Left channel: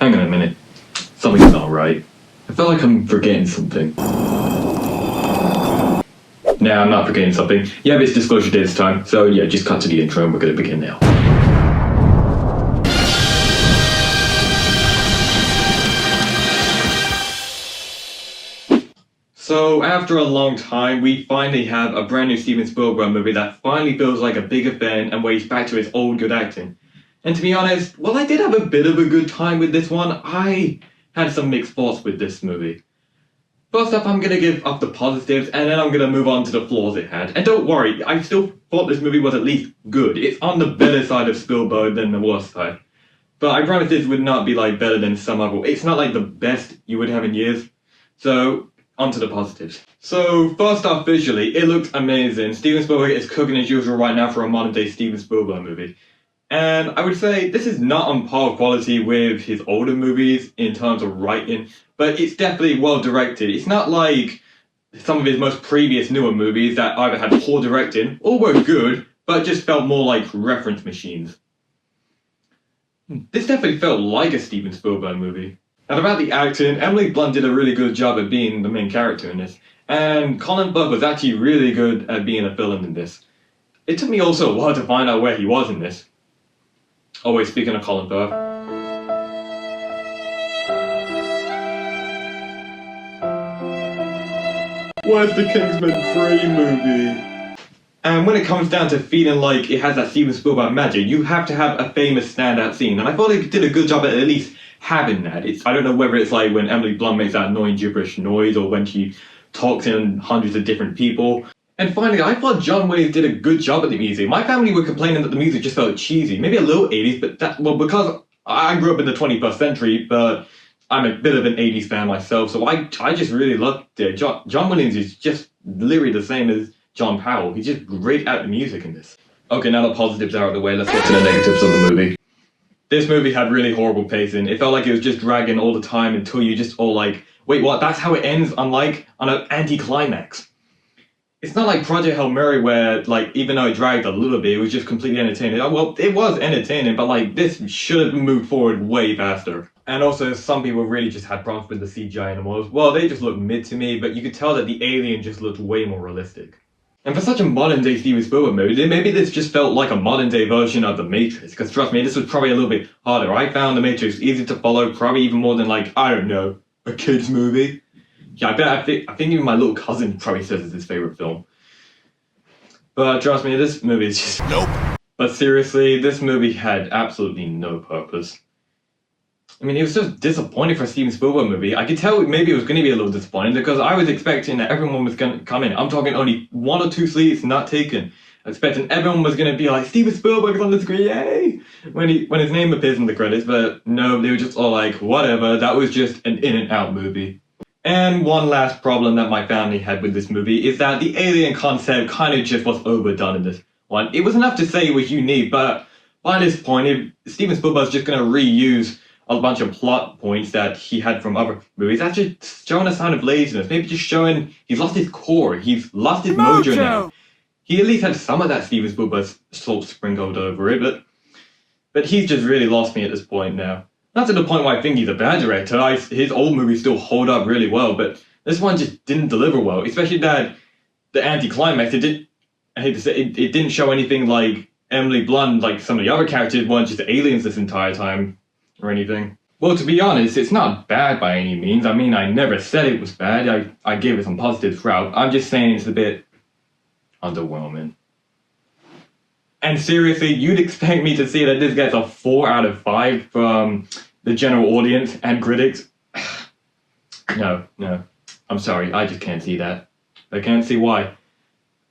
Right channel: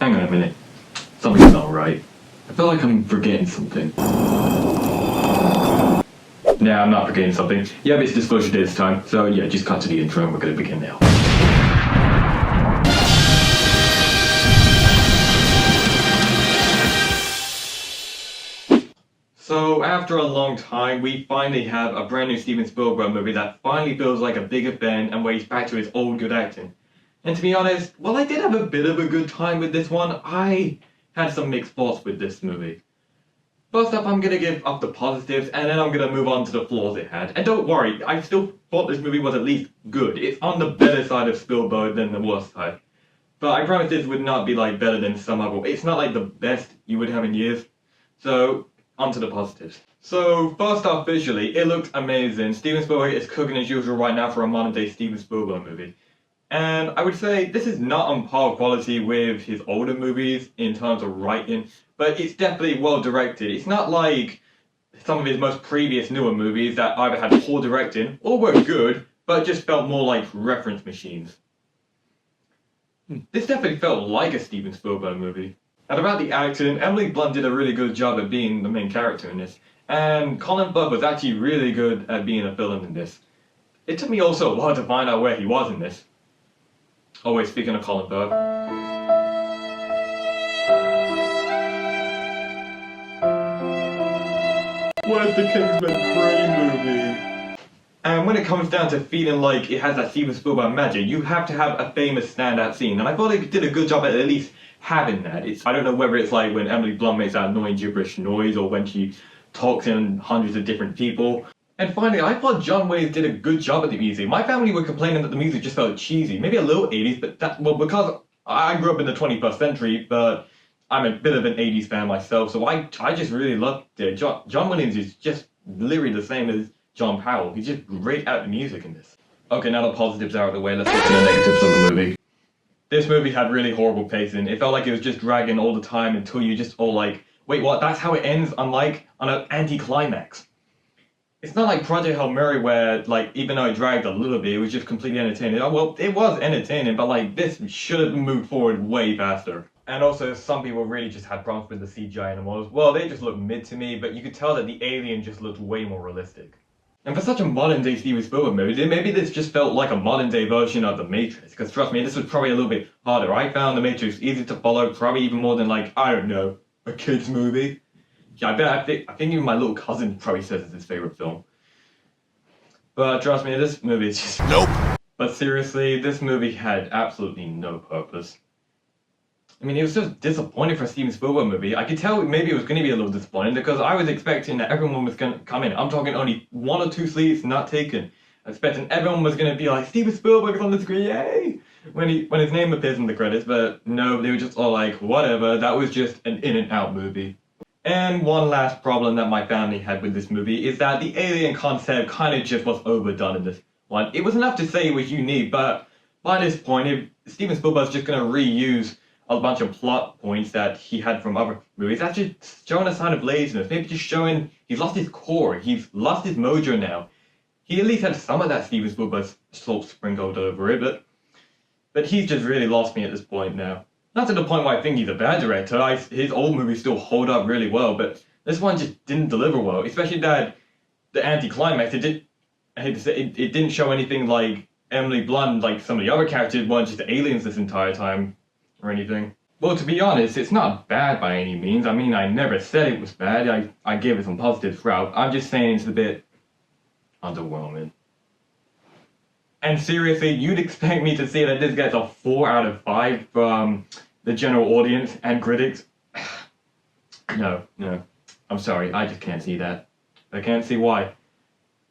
Hang on a minute. Something's not right. I feel like I'm forgetting something. Nah, I'm not forgetting something. Yeah, it's disclosure day this time. So yeah, just cut to the intro and we're gonna begin now. So after a long time, we finally have a brand new Steven Spielberg movie that finally feels like a big event and where he's back to his old good acting. And to be honest, while I did have a bit of a good time with this one, I had some mixed thoughts with this movie. First up, I'm gonna give up the positives, and then I'm gonna move on to the flaws it had. And don't worry, I still thought this movie was at least good. It's on the better side of Spielberg than the worst side. But I promise this would not be like better than some other. It's not like the best you would have in years. So, on to the positives. So, first off, visually, it looks amazing. Steven Spielberg is cooking as usual right now for a modern day Steven Spielberg movie. And I would say this is not on par quality with his older movies in terms of writing, but it's definitely well directed. It's not like some of his most previous newer movies that either had poor directing or were good, but just felt more like reference machines. This definitely felt like a Steven Spielberg movie. And about the acting, Emily Blunt did a really good job at being the main character in this, and Colin Firth was actually really good at being a villain in this. It took me also a while to find out where he was in this. Oh wait, speaking of Colin Firth. Where's the Kingsman 3 movie? And when it comes down to feeling like it has that Steven Spielberg magic, you have to have a famous standout scene. And I thought it did a good job at least having that. I don't know whether it's like when Emily Blunt makes that annoying gibberish noise or when she talks in hundreds of different people. And finally, I thought John Williams did a good job at the music. My family were complaining that the music just felt cheesy, maybe a little 80s, but because I grew up in the 21st century, but I'm a bit of an 80s fan myself, so I just really loved it. John Williams is just literally the same as John Powell. He's just great at the music in this. Okay, now the positives are out of the way, let's get to the negatives of the movie. This movie had really horrible pacing. It felt like it was just dragging all the time until you just all like, wait, what? That's how it ends, unlike on an anti-climax. It's not like Project Hail Mary where, like, even though it dragged a little bit, it was just completely entertaining. Well, it was entertaining, but, like, this should have moved forward way faster. And also, some people really just had problems with the CGI animals. Well, they just looked mid to me, but you could tell that the alien just looked way more realistic. And for such a modern-day Steven Spielberg movie, maybe this just felt like a modern-day version of The Matrix. Because trust me, this was probably a little bit harder. I found The Matrix easy to follow, probably even more than, like, I don't know, a kid's movie. Yeah, I think even my little cousin probably says it's his favorite film. But trust me, this movie is just... Nope! But seriously, this movie had absolutely no purpose. I mean, it was just disappointing for a Steven Spielberg movie. I could tell maybe it was going to be a little disappointing because I was expecting that everyone was going to come in. I'm talking only 1 or 2 seats not taken. Expecting everyone was going to be like, Steven Spielberg is on the screen, yay! When his name appears in the credits, but no, they were just all like, whatever, that was just an in-and-out movie. And one last problem that my family had with this movie is that the alien concept kind of just was overdone in this one. It was enough to say it was unique, but by this point, if Steven Spielberg's just going to reuse a bunch of plot points that he had from other movies, that's just showing a sign of laziness. Maybe just showing he's lost his core, he's lost his mojo now. He at least had some of that Steven Spielberg salt sprinkled over it, but he's just really lost me at this point now. Not to the point where I think he's a bad director. His old movies still hold up really well, but this one just didn't deliver well. Especially that the anti-climax, I hate to say it didn't show anything like Emily Blunt, like some of the other characters weren't just aliens this entire time or anything. Well, to be honest, it's not bad by any means. I mean, I never said it was bad. I gave it some positives throughout. I'm just saying it's a bit underwhelming. And seriously, you'd expect me to say that this gets a 4 out of 5 from the general audience and critics? No. I'm sorry, I just can't see that. I can't see why.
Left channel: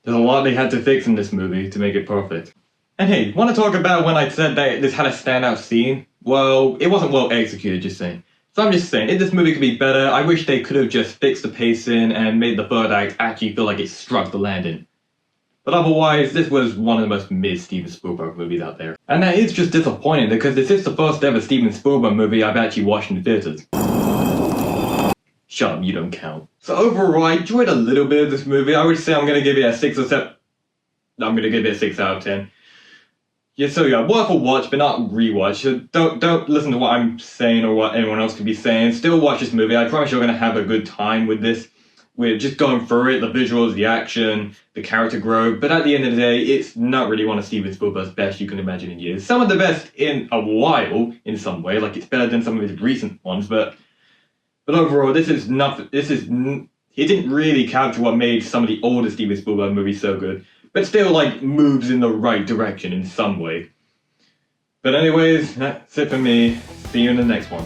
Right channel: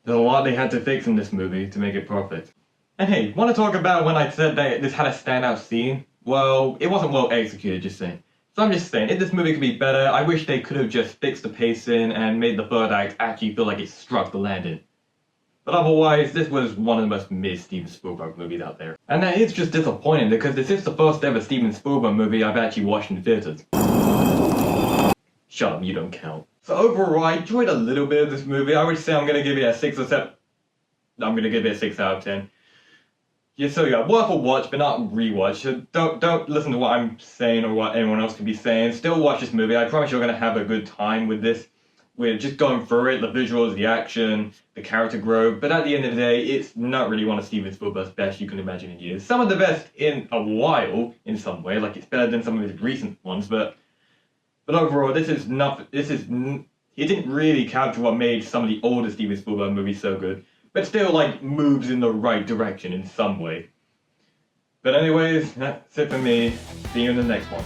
There's a lot they had to fix in this movie to make it perfect. And hey, want to talk about when I said that this had a standout scene? Well, it wasn't well executed, just saying. So I'm just saying, if this movie could be better, I wish they could have just fixed the pacing and made the third act actually feel like it struck the landing. But otherwise, this was one of the most mid-Steven Spielberg movies out there. And that is just disappointing because this is the first ever Steven Spielberg movie I've actually watched in theaters. Shut up, you don't count. So overall, I enjoyed a little bit of this movie. I would say I'm going to give it a 6 or 7. I'm going to give it a 6 out of 10. yeah, worth a watch, but not rewatch. So don't listen to what I'm saying or what anyone else could be saying. Still watch this movie. I promise you're gonna have a good time with this. We're just going through it, the visuals, the action, the character growth. But at the end of the day, it's not really one of Steven Spielberg's best you can imagine in years. Some of the best in a while, in some way. Like it's better than some of his recent ones, but overall, this is nothing. He didn't really capture what made some of the older Steven Spielberg movies so good, but still like moves in the right direction in some way. But anyways, that's it for me. See you in the next one.